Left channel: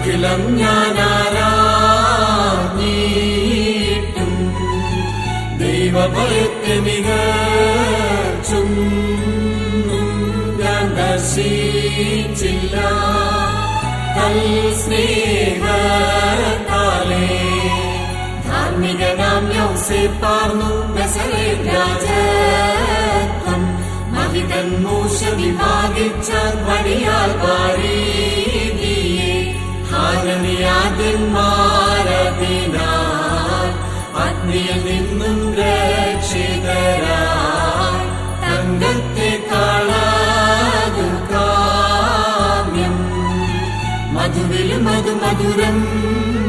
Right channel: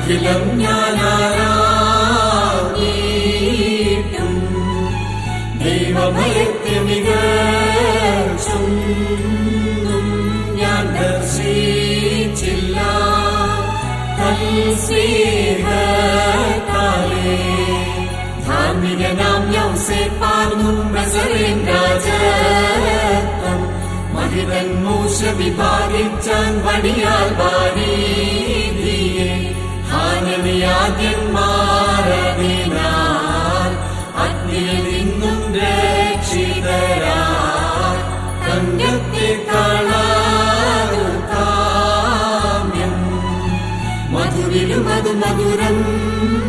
അഖിലം ഞാനാരാഞ്ഞിട്ടും ദൈവഭയത്തെ മികച്ചും ഞാൻ ദർശിച്ചില്ല. തൽസ്നേഹത്താലേ ധാർമ്മികനാം യൗസേപ്പാർന്നു നസറേൻ രാജത്വം. മഹിതൻ മൂശ വിഭാഗിച്ചാൻ പണിയാൽ വാരീതിയെ मनमधुरम्